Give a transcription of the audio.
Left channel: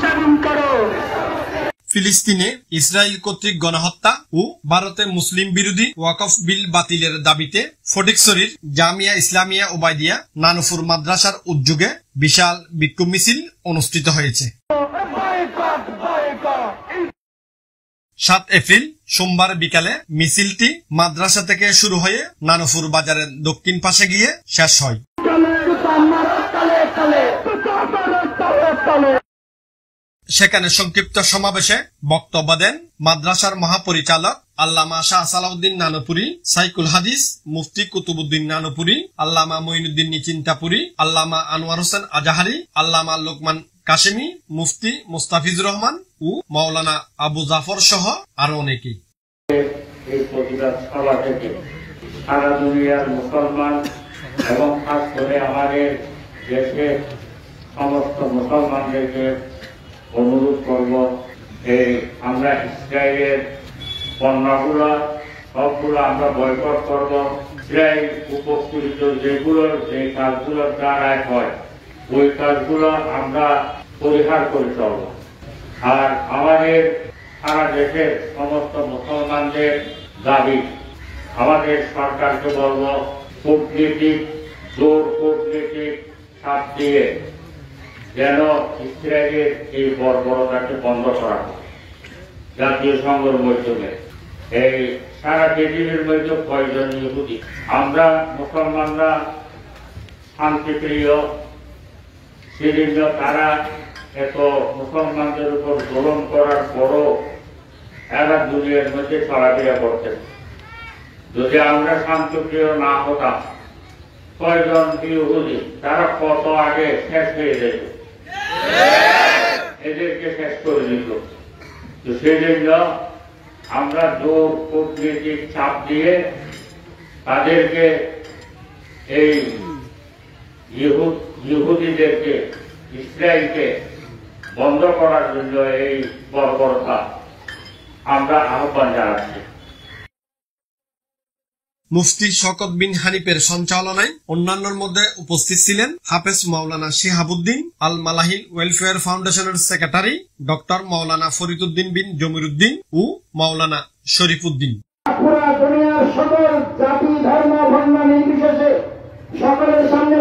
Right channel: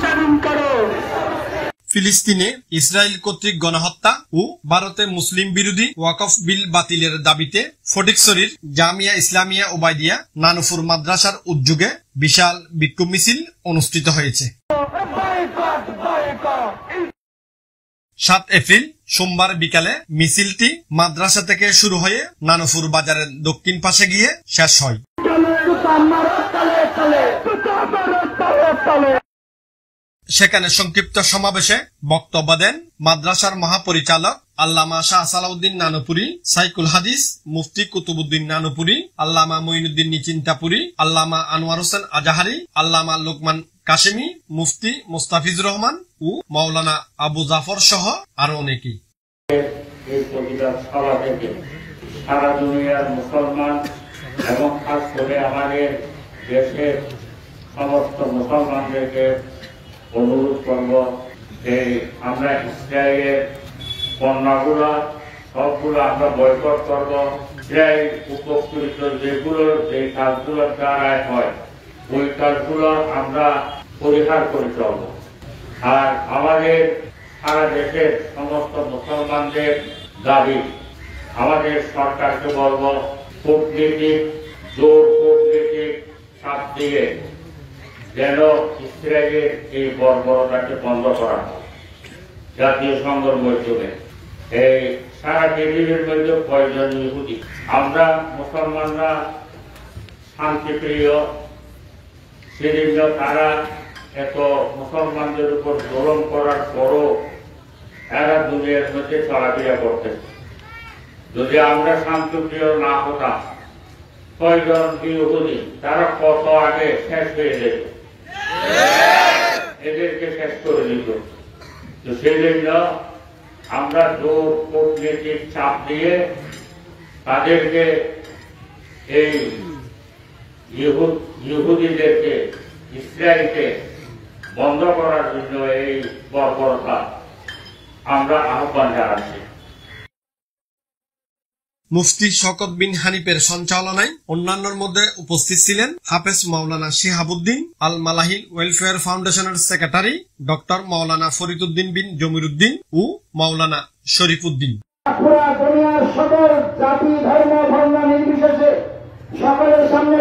স্বাধীন করো। ফিলিস্তিনে ইসরায়েল কর্তৃক গণহত্যা ও ভারতে মুসলিম বিরোধী ওয়াকফ বিল বাতিলের দাবিতে ফটিকছড়ির জামিয়া ইসলামিয়া ওবায়দিয়া নানুপুর মাদ্রাসার উদ্যোগে বিশাল বিক্ষোভ মিছিল অনুষ্ঠিত হয়েছে। 7 এপ্রিল সোমবার বিকালে মিছিলটি মাদ্রাসা থেকে শুরু হয়ে নানুপুর বাজারের দক্ষিণ পাশে গিয়ে শেষ হয়। সেখানে সংক্ষিপ্ত সমাবেশে বক্তব্য দেন মাদ্রাসার মহাপরিচালক আল্লামা শাহ সালাউদ্দিন নানুপুরি, সাইকুল হাদিস মুফতি কুতুবুদ্দিন নানুপুরি, আল্লামা মঈনুদ্দিন নিচিন্তাপুরি, আল্লামা আনোয়ার হোসেন আজাহারি, আল্লামা লোকমান কাশেমি, মুফতি মুস্তাফিজুর রহমান ও মাওলানা আবু জাফর সহ আরো অনেকেই। এই প্রতিবাদ সভা থেকে সারা দুনিয়ার মুসলমান এবং খাস করে আমাদের দেশের সমস্ত মুসলমানদেরকে অনুরোধ করব যে আমরা ইসরায়েলের পণ্যগুলা সবগুলো আমরা বয়কট করব। ইসরায়েল উপকৃত যে কাজগুলোর দ্বারা হয় ওই কাজগুলো আমরা পরিহার করে চলব। আর আমাদের সারা দেশের সমস্ত মুসলমানদের দাবি, আমাদের সরকারকে বলব কূটনীতিক চাপ দিয়ে যেন ইসরায়েলের এই বর্বরতাকে বন্ধ করা হয়। জাতীয় সংঘের মাধ্যমে এই সারা পৃথিবীর মধ্যে কয়েকজন ইহুদি, আমরা মুসলমানরা শান্তিপ্রিয়, সেজন্য তারা এত মুসলমানদের উপর জুলুম করার পরও এরা দুনিয়ার মধ্যে চলাফেরা করতেছে। যদি আমরা শান্তিপ্রিয় না হতাম, কয়জন ইহুদি তারা কত আগে শেষ হয়ে যেত, এদেরকে শেষ করে দিত। তো সেজন্য আমরা জোর কূটনীতিক চাপ দিয়ে তাদেরকে এই ইহুদিদেরকে ইসরায়েলকে বন্ধ করার জন্য এই বর্বরতা আমরা আহ্বান জানাচ্ছি। মুফতি শওকত বিন হানিফের সঞ্চালনায় অন্যান্যের মধ্যে উপস্থিত ছিলেন হাফেজ মাওলানা শিহাবুদ্দিন, আল মালাহিল ওয়েলফেয়ার ফাউন্ডেশনের সেক্রেটারি ডক্টর মাওলানা ফরিদুদ্দিন বিন জমিরুদ্দিন ও মাওলানা শরীফুদ্দিন। পুরা দুনিয়ার সকল জাতি ধর্ম বর্ণ নির্বিশেষে সকলের সামনে